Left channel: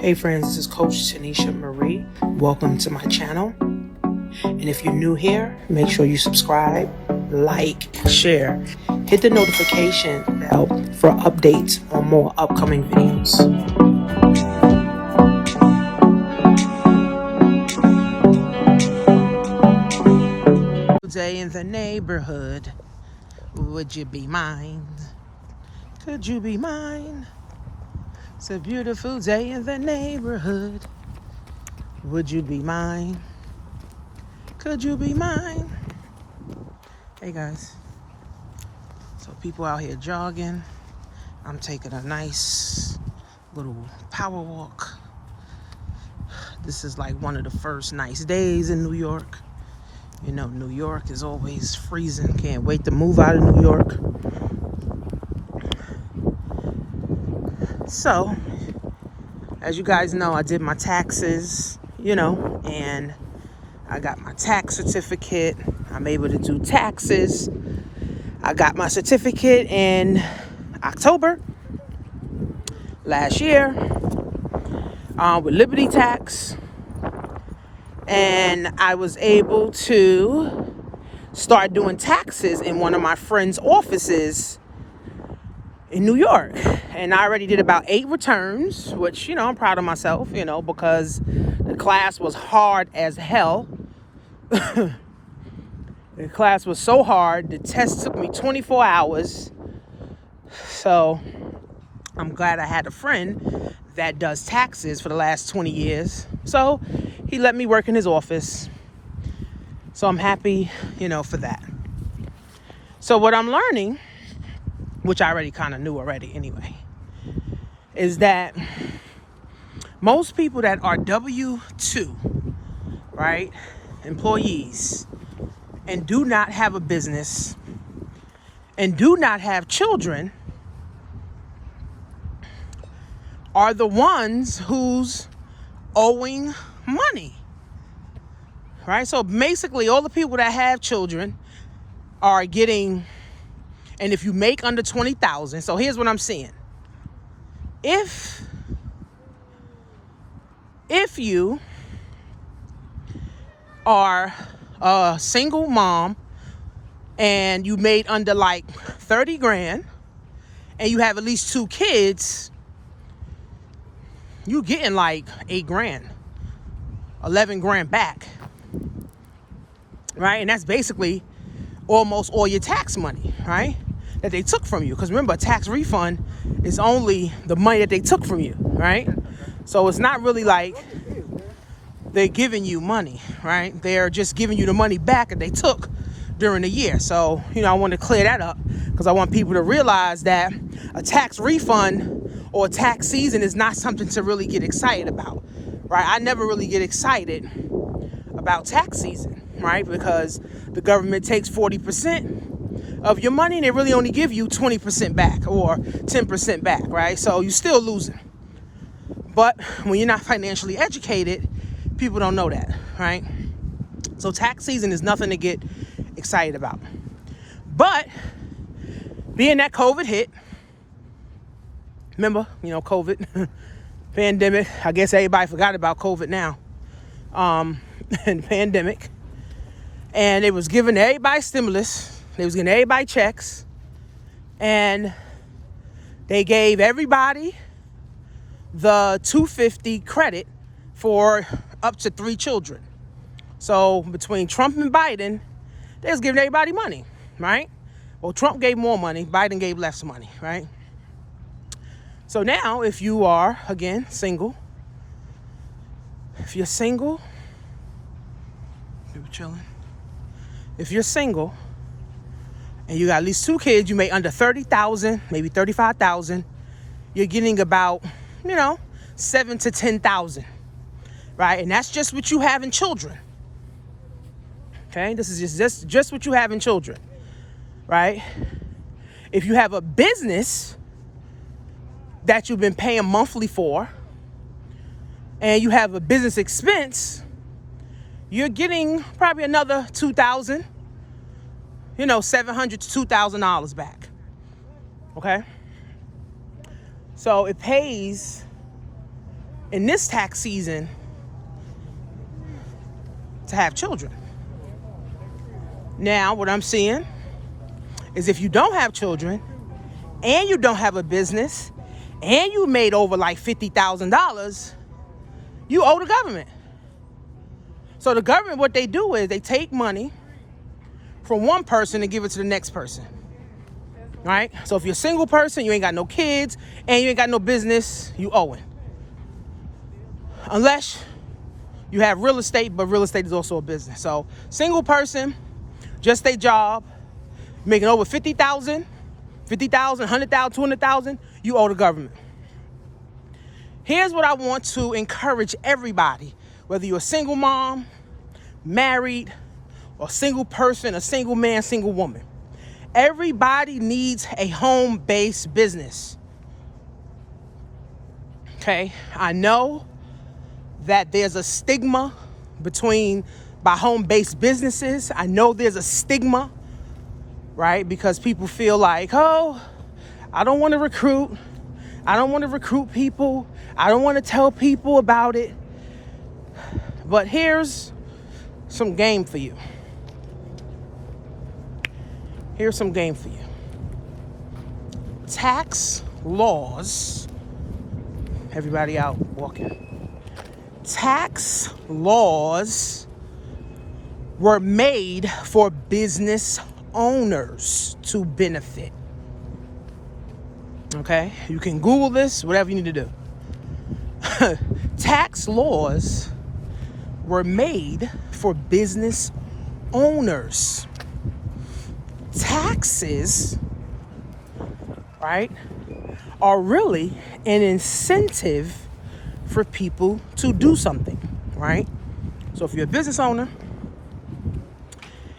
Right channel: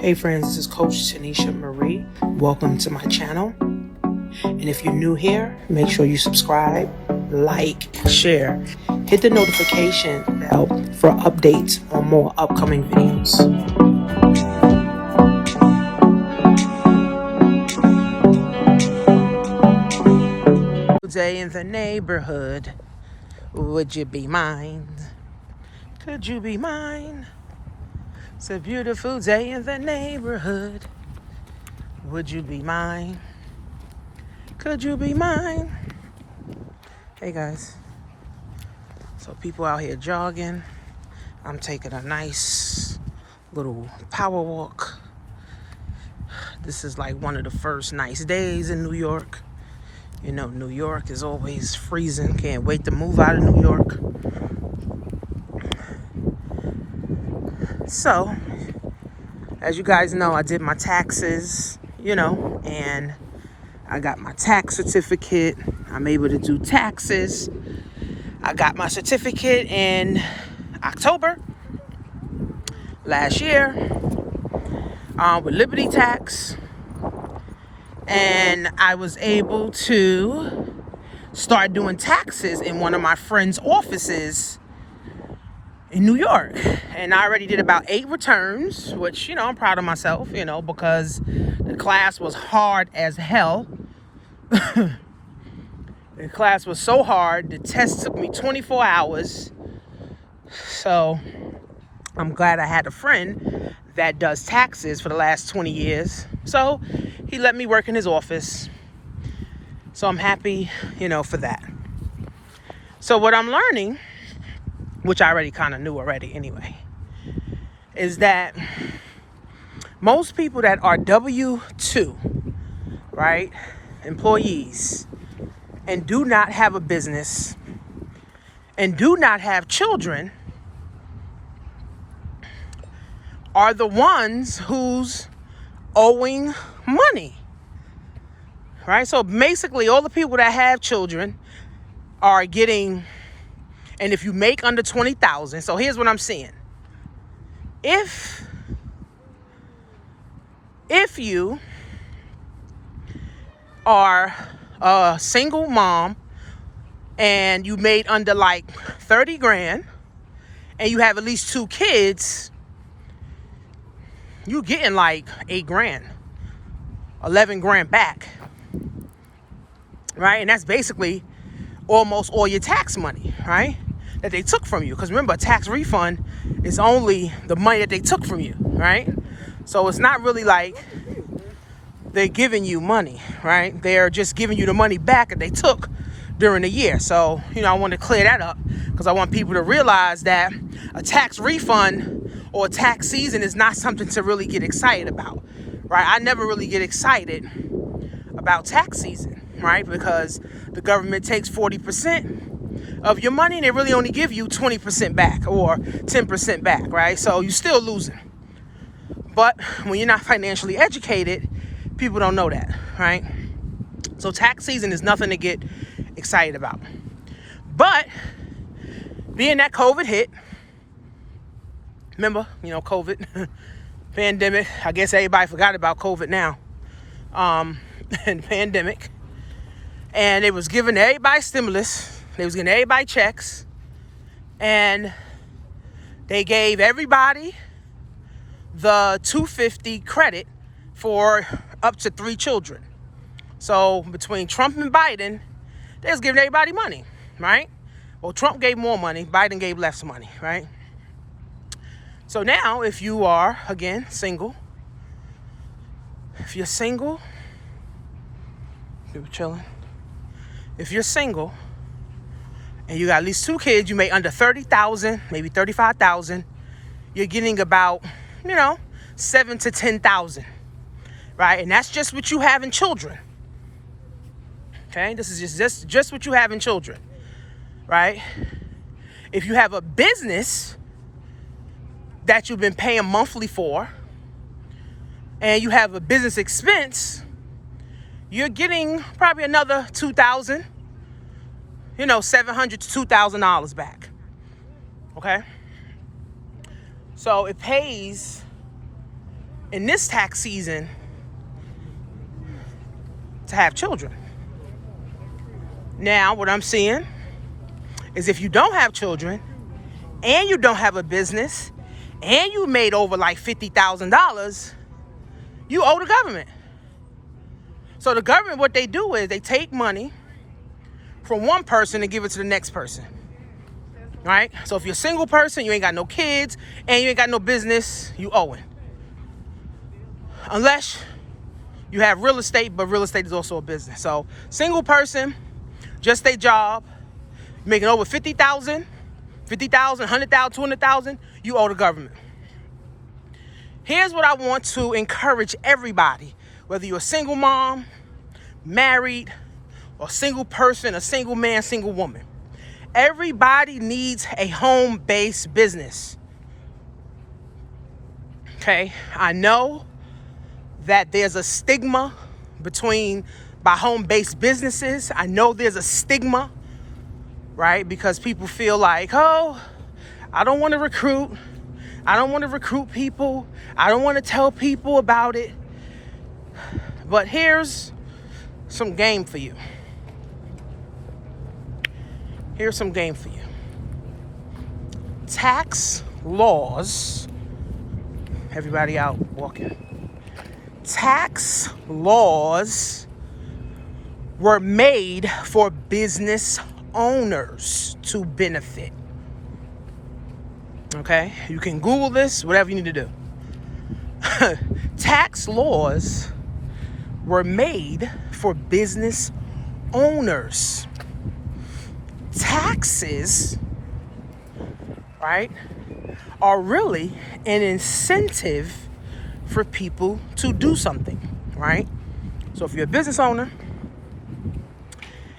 Hey friends, this is Coach Tanisha Marie. Welcome to my channel. And if you're new here, make sure you subscribe, like, share. Hit the notification bell for updates on more upcoming videos. Day in the neighborhood, would you be mine? Could you be mine? It's a beautiful day in the neighborhood. Would you be mine? Could you be mine? Hey guys. So people out here jogging. I'm taking a nice little power walk. This is like one of the first nice days in New York. You know, New York is always freezing. Can't wait to move out of New York. So, as you guys know, I did my taxes, and I got my tax certificate. I'm able to do taxes. I got my certificate in October last year with Liberty Tax. And I was able to start doing taxes in one of my friend's offices in New York. And I already did about 8 returns, which, I'm proud of myself, because the class was hard as hell. The class was so hard. The test took me 24 hours. So I'm glad I had a friend that does taxes for the last 20 years. So he let me work in his office. So I'm happy, for that. So what I'm learning, which I already kind of knew already anyway, is that most people that are W-2, right, employees, and do not have a business and do not have children are the ones who's owing money, right? So basically all the people that have children are getting, and if you make under 20,000, so here's what I'm seeing. If you are a single mom and you made under like 30 grand and you have at least 2 kids, you getting like 8 grand, 11 grand back, right? And that's basically almost all your tax money, right, that they took from you. Because remember, a tax refund is only the money that they took from you, right? So it's not really like they're giving you money, right? They're just giving you the money back that they took during the year. So, I want to clear that up because I want people to realize that a tax refund or a tax season is not something to really get excited about, right? I never really get excited about tax season, right? Because the government takes 40% of your money and they really only give you 20% back or 10% back, right? So you're still losing. But when you're not financially educated, people don't know that, right? So tax season is nothing to get excited about. But being that COVID hit, remember, COVID, pandemic, I guess everybody forgot about COVID now, and pandemic. And they was giving everybody stimulus. They was giving everybody checks. And they gave everybody the $250 credit for up to 3 children. So between Trump and Biden, they was giving everybody money, right? Well, Trump gave more money, Biden gave less money, right? So now, if you are, again, single, if you're single, you're chilling. If you're single and you got at least 2 kids, you make under 30,000, maybe 35,000, you're getting about, 7 to 10,000, right? And that's just what you have in children. Okay, this is just what you have in children, right? If you have a business that you've been paying monthly for, and you have a business expense, you're getting probably another $2,000, $700 to $2,000 back. Okay, so it pays in this tax season to have children. Now, what I'm seeing is if you don't have children and you don't have a business and you made over like $50,000, you owe the government. So the government, what they do is they take money from one person and give it to the next person, right? So if you're a single person, you ain't got no kids, and you ain't got no business, you owe it. Unless you have real estate, but real estate is also a business. So single person, just a job, making over 50,000, 100,000, 200,000, you owe the government. Here's what I want to encourage everybody, whether you're a single mom, married, or single person, a single man, single woman. Everybody needs a home-based business. Okay, I know that there's a stigma by home-based businesses. I know there's a stigma, right? Because people feel like, oh, I don't want to recruit. I don't want to recruit people. I don't want to tell people about it. But here's some game for you. Here's some game for you. Tax laws, everybody out walking. Tax laws were made for business owners to benefit. Okay? You can Google this, whatever you need to do. Tax laws were made for business owners. Taxes, right, are really an incentive for people to do something, right? So if you're a business owner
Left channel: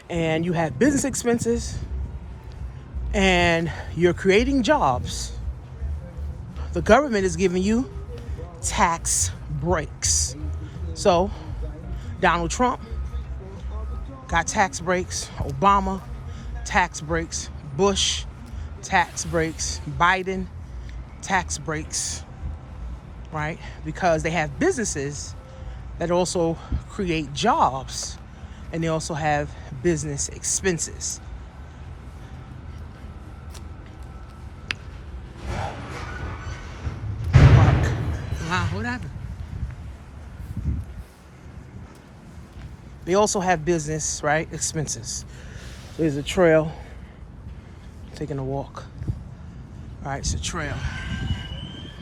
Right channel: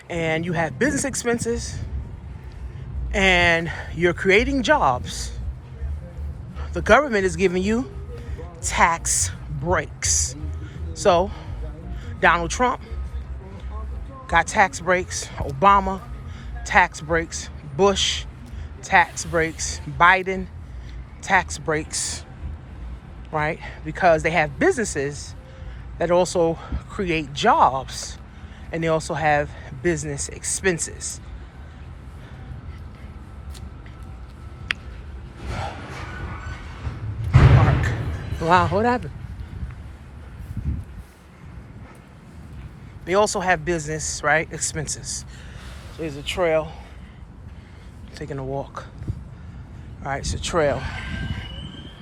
and you have business expenses and you're creating jobs, the government is giving you tax breaks. So Donald Trump got tax breaks, Obama tax breaks, Bush tax breaks, Biden tax breaks, right? Because they have businesses that also create jobs and they also have business expenses. Wow, what happened? They also have business, right, expenses. There's a trail. Taking a walk. All right, it's a trail.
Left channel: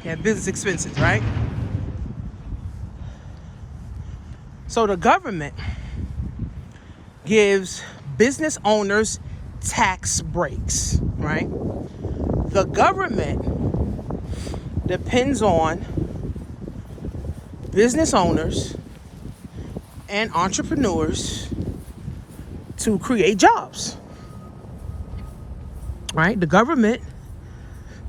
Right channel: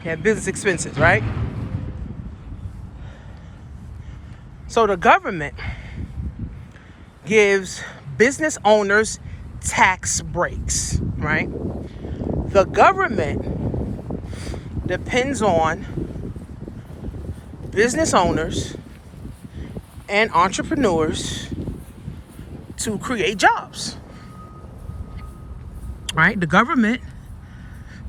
You have business expenses, right? So the government gives business owners tax breaks, right? The government depends on business owners and entrepreneurs to create jobs, right? The government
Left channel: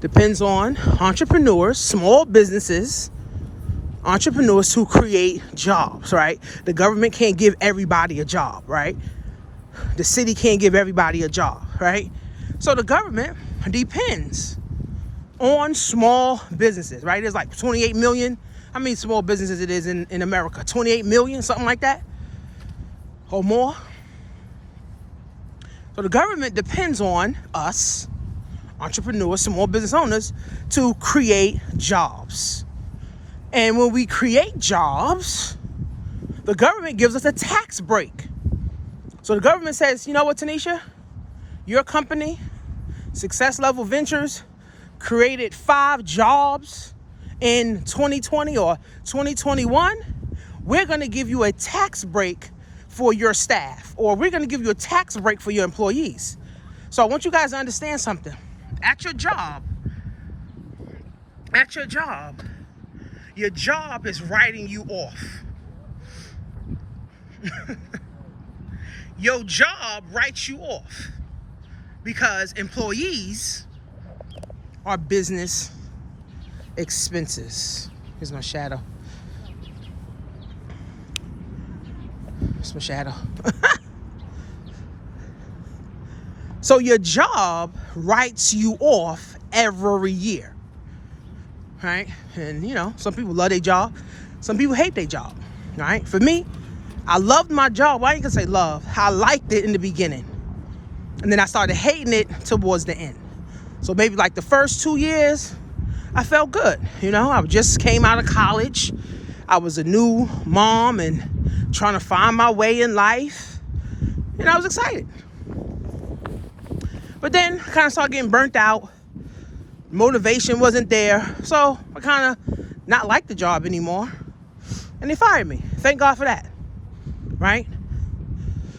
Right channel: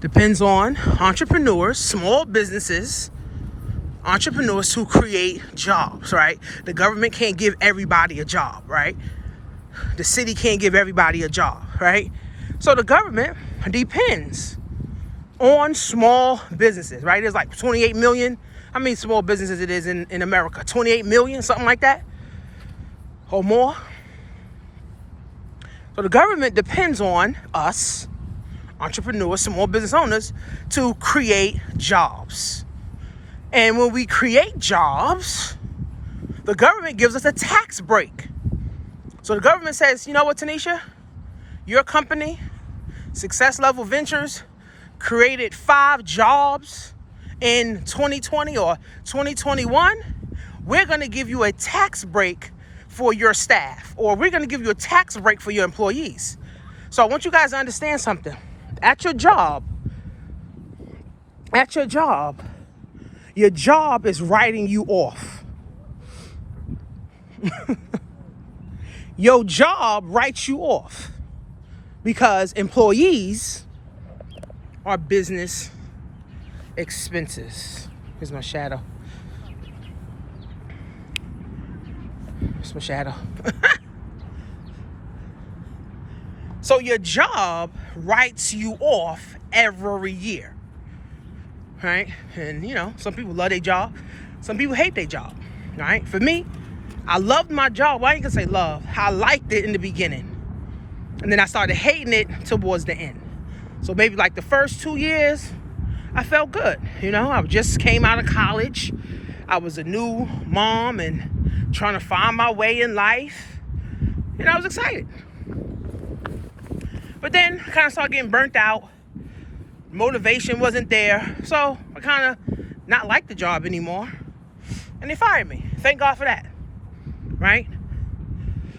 depends on entrepreneurs, small businesses, entrepreneurs to create jobs, right? The government can't give everybody a job, right? The city can't give everybody a job, right? So the government depends on small businesses, right? There's like 28 million. How many small businesses it is in America? 28 million, something like that, or more. So the government depends on us, entrepreneurs, small business owners, to create jobs. And when we create jobs, the government gives us a tax break. So the government says, you know what, Tanisha? Your company, Success Level Ventures, created 5 jobs in 2020 or 2021. We're going to give you a tax break for your staff, or we're going to give you a tax break for your employees. So I want you guys to understand something. At your job, your job is writing you off. Your job writes you off because employees are business expenses. Here's my shadow. It's my shadow. So your job writes you off every year, right? And you know, some people love their job, some people hate their job, right? For me, I loved my job. Well, I ain't gonna say love. I liked it in the beginning, and then I started hating it towards the end. So maybe like the first 2 years, I felt good. You know, I just came out of college. I was a new mom and trying to find my way in life. And I was excited. But then I kind of started getting burnt out. Motivation wasn't there. So I kind of not liked the job anymore. And they fired me. Thank God for that. Right?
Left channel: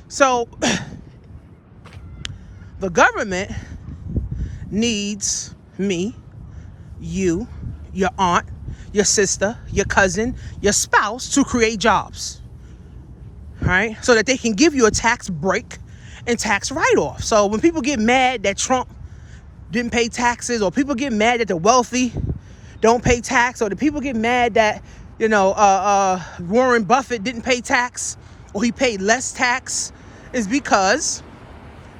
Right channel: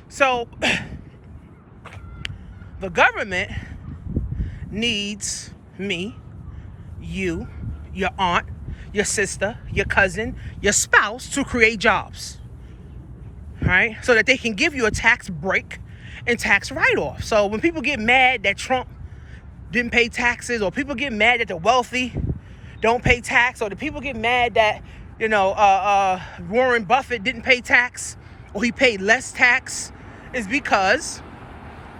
So the government needs me, you, your aunt, your sister, your cousin, your spouse to create jobs, right? So that they can give you a tax break and tax write-off. So when people get mad that Trump didn't pay taxes, or people get mad that the wealthy don't pay tax, or the people get mad that, you know, Warren Buffett didn't pay tax, or he paid less tax, is because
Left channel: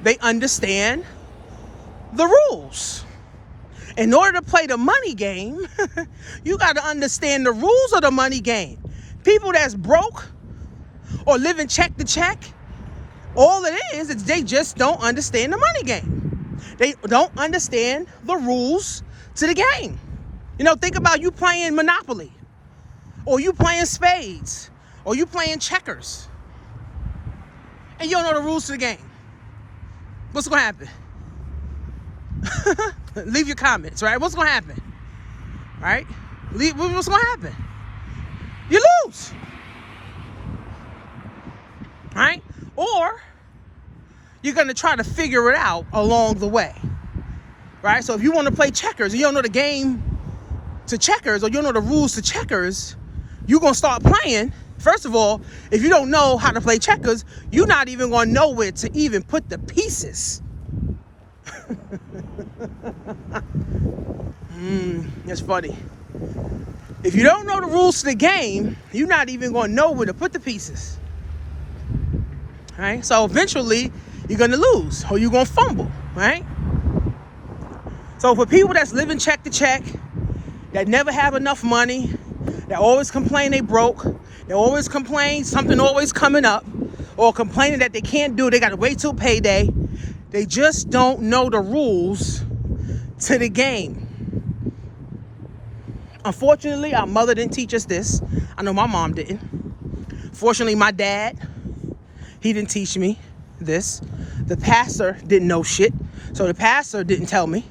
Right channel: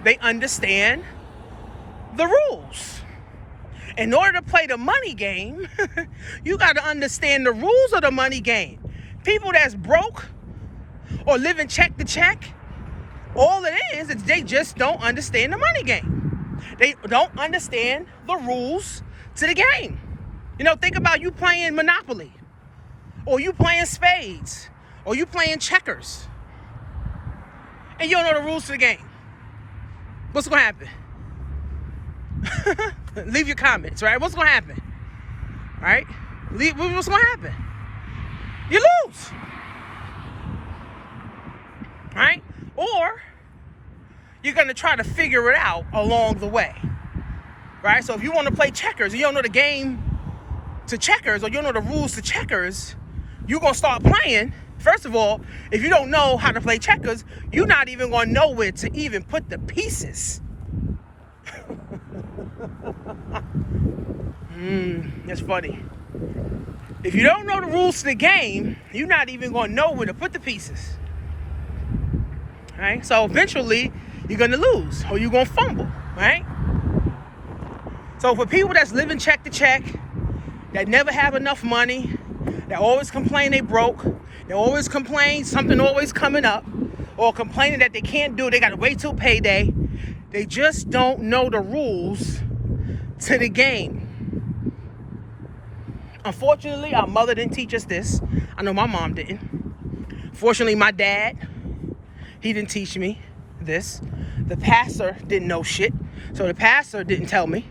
they understand the rules. In order to play the money game, you got to understand the rules of the money game. People that's broke or living check to check, all it is they just don't understand the money game. They don't understand the rules to the game. You know, think about you playing Monopoly, or you playing spades, or you playing checkers, and you don't know the rules to the game. What's going to happen? Leave your comments, right? What's going to happen? Right? What's going to happen? You lose. Right? Or you're going to try to figure it out along the way. Right? So if you want to play checkers and you don't know the game to checkers, or you don't know the rules to checkers, you're going to start playing. First of all, if you don't know how to play checkers, you're not even going to know where to even put the pieces. That's funny. If you don't know the rules to the game, you're not even going to know where to put the pieces. Right? So eventually, you're going to lose, or you're going to fumble, right? So for people that's living check to check, that never have enough money, that always complain they broke, they always complain something always coming up, or complaining that they can't do it, they got to wait till payday, they just don't know the rules to the game. Unfortunately, our mother didn't teach us this. I know my mom didn't. Fortunately, my dad, he didn't teach me this. The pastor didn't know shit, so the pastor didn't tell me,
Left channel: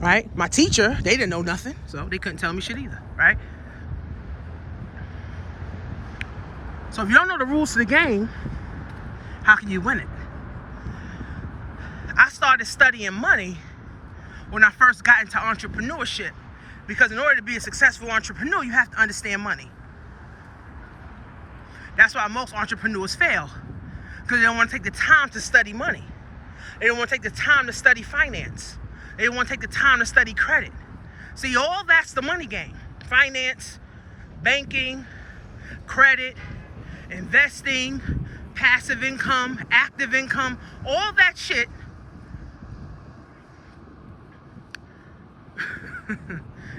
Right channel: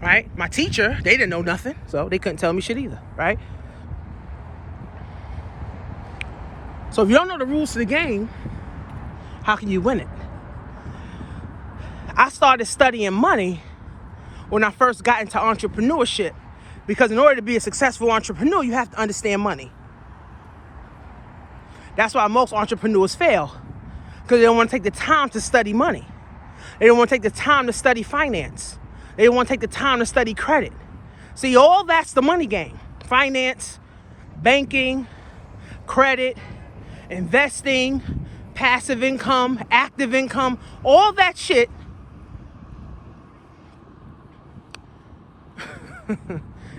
right? My teacher, they didn't know nothing, so they couldn't tell me shit either, right? So if you don't know the rules to the game, how can you win it? I started studying money when I first got into entrepreneurship, because in order to be a successful entrepreneur, you have to understand money. That's why most entrepreneurs fail, because they don't want to take the time to study money. They don't want to take the time to study finance. They don't want to take the time to study credit. See, all that's the money game. Finance, banking, credit, investing, passive income, active income, all that shit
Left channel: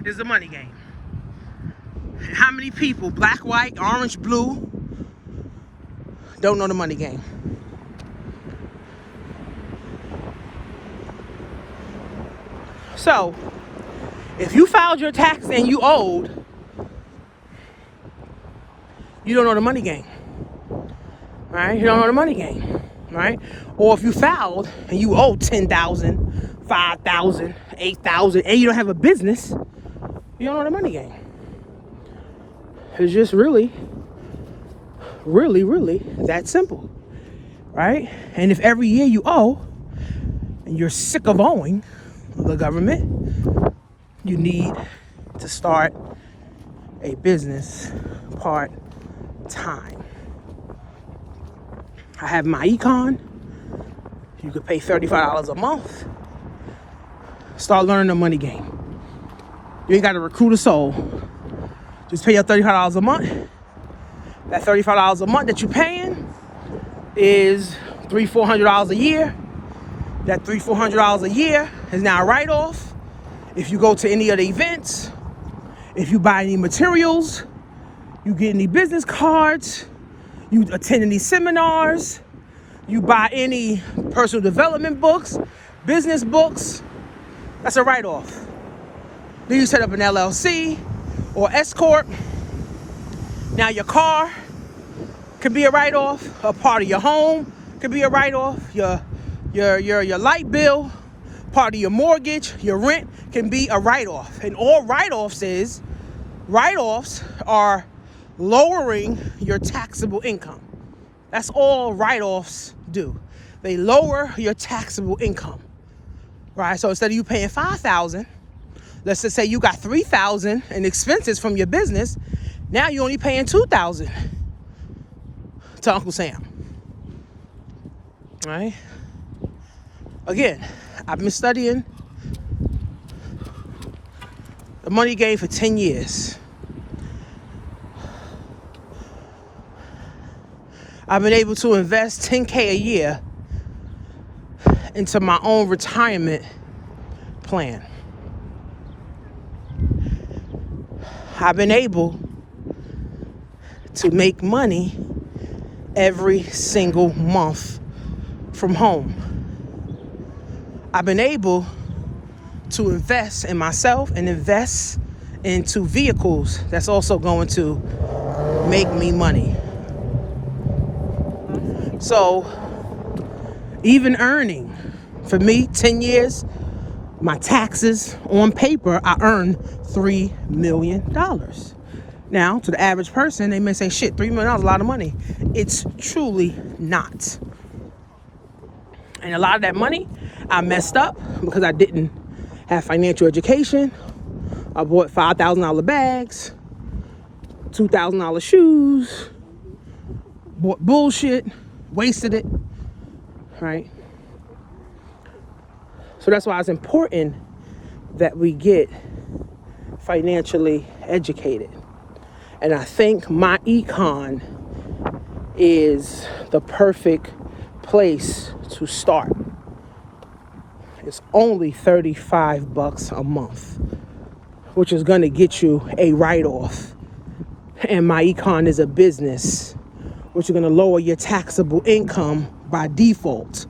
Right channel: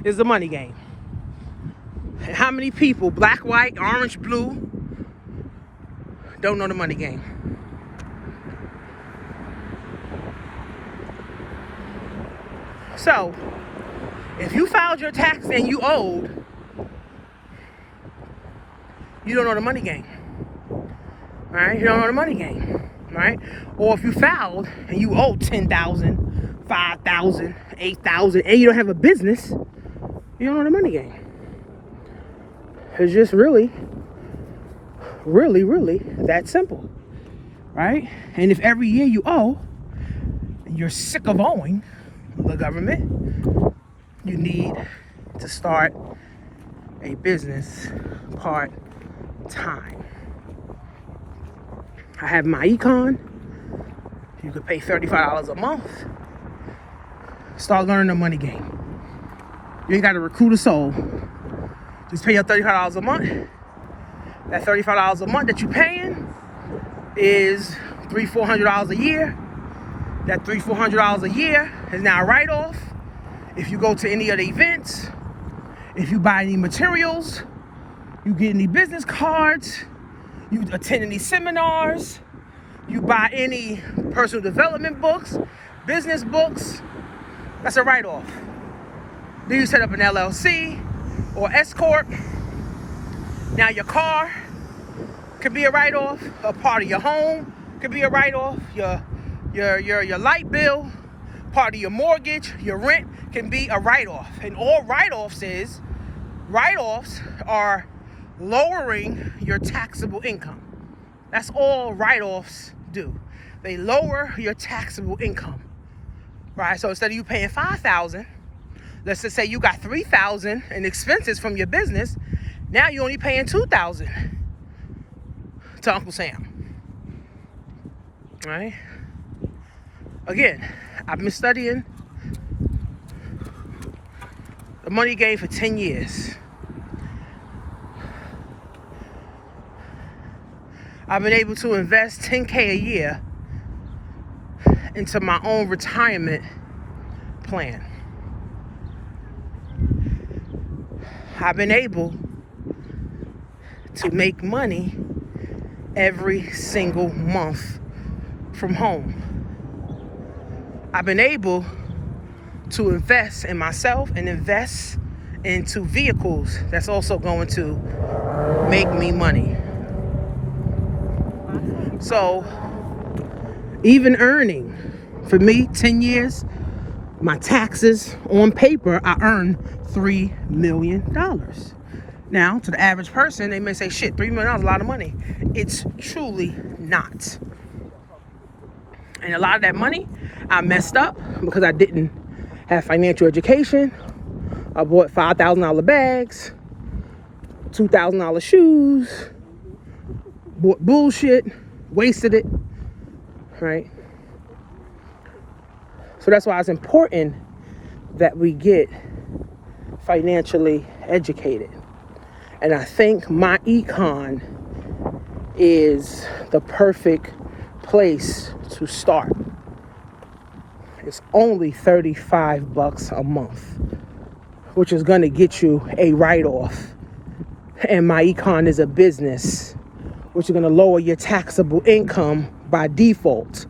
is the money game. And how many people, black, white, orange, blue, don't know the money game? So, if you filed your tax and you owed, you don't know the money game. Right? You don't know the money game. Right? Or if you filed and you owed 10,000, 5,000, 8,000, and you don't have a business, you don't know the money game. It's just really that simple. Right? And if every year you owe, and you're sick of owing the government, you need to start a business part-time. I have my econ. You could pay $35 a month. Start learning the money game. You ain't got to recruit a soul. Just pay your $35 a month. That $35 a month that you're paying is $300-400 a year. That $300-400 a year is now a write-off. If you go to any of the events, If you buy any materials, you get any business cards, you attend any seminars, you buy any personal development books, business books, that's a write-off. Then you set up an LLC or S Corp. Now your car could be a write-off. A part of your home could be a write-off. Your light bill, part of your mortgage, your rent can be a write-off. And all write-offs are lowering your taxable income. That's all write-offs do. They lower your taxable income, right? So instead of you paying $5,000, let's just say you got $3,000 in expenses from your business. Now you're only paying $2,000 to Uncle Sam, right? Again, I've been studying the money game for 10 years. I've been able to invest $10K a year into my own retirement plan. I've been able to make money every single month from home. I've been able to invest in myself and invest into vehicles that's also going to make me money. So even earning, for me, 10 years, my taxes on paper, I earned $3 million. Now, to the average person, they may say, shit, $3 million is a lot of money. It's truly not. And a lot of that money, I messed up because I didn't have financial education. I bought $5,000 bags, $2,000 shoes, bought bullshit, wasted it, right? So that's why it's important that we get financially educated. And I think my econ is the perfect place to start. It's only $35 a month, which is going to get you a write-off. And my econ is a business, which is going to lower your taxable income by default,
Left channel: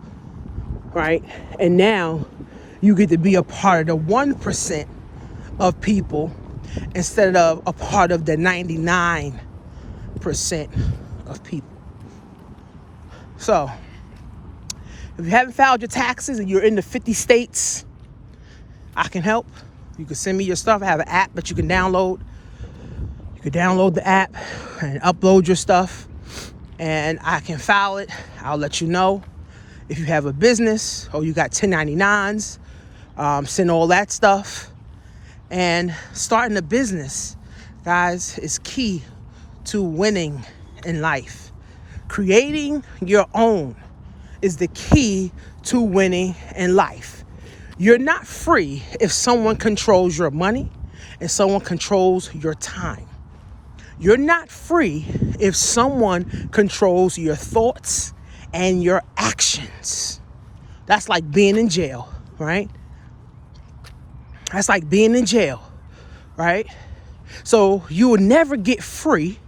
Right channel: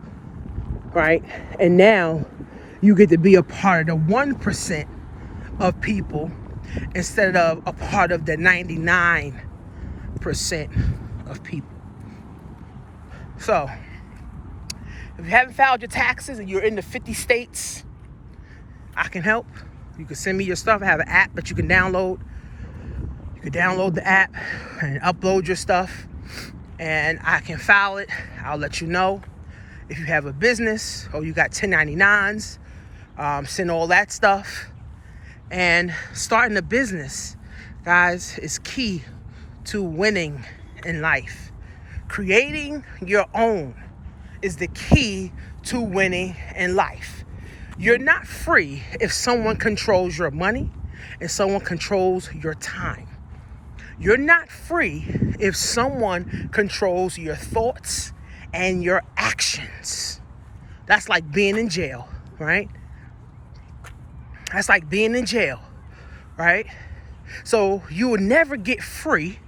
right? And now you get to be a part of the 1% of people instead of a part of the 99% of people. So, if you haven't filed your taxes and you're in the 50 states, I can help. You can send me your stuff. I have an app that you can download. You can download the app and upload your stuff, and I can file it. I'll let you know. If you have a business or you got 1099s, send all that stuff. And starting a business, guys, is key to winning in life. Creating your own is the key to winning in life. You're not free if someone controls your money and someone controls your time. You're not free if someone controls your thoughts and your actions. That's like being in jail, right? That's like being in jail, right? So you will never get free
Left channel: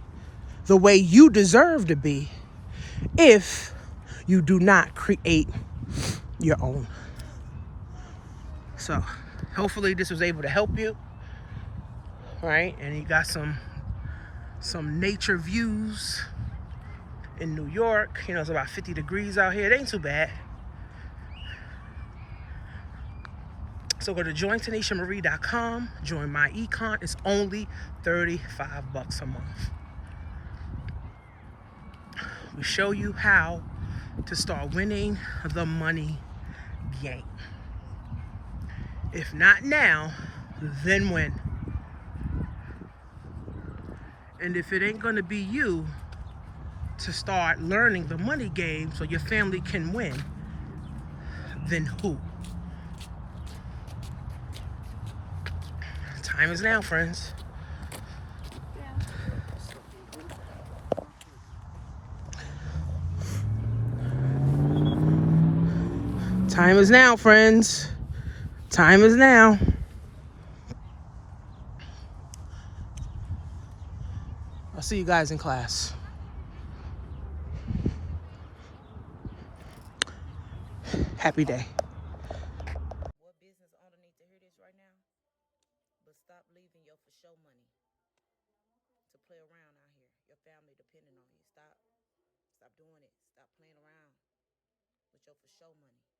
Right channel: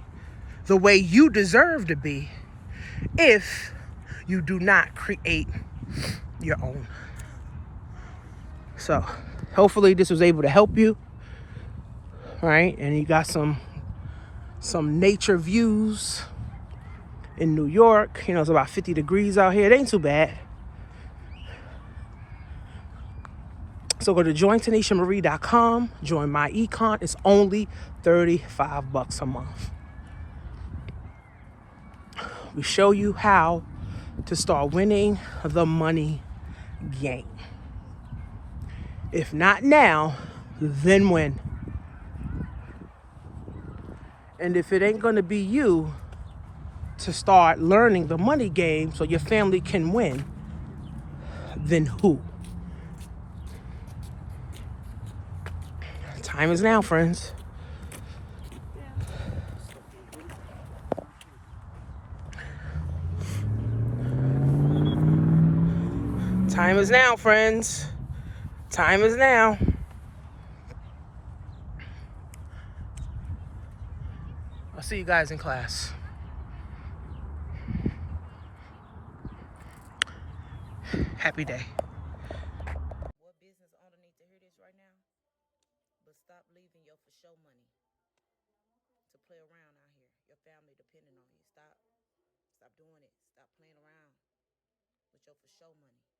the way you deserve to be if you do not create your own. So hopefully this was able to help you, right? And you got some nature views in New York. You know, it's about 50 degrees out here. It ain't too bad. So go to jointanishamarie.com, join my econ. It's only $35 a month. We show you how to start winning the money game. If not now, then when? And if it ain't gonna be you to start learning the money game so your family can win, then who? Time is now, friends. Time is now, friends. Time is now. I'll see you guys in class. Happy day. What business owner need to hear this right now? But stop leaving your for show money to play around out here. Your family depending on you. Stop doing it. Stop playing around with your for show money.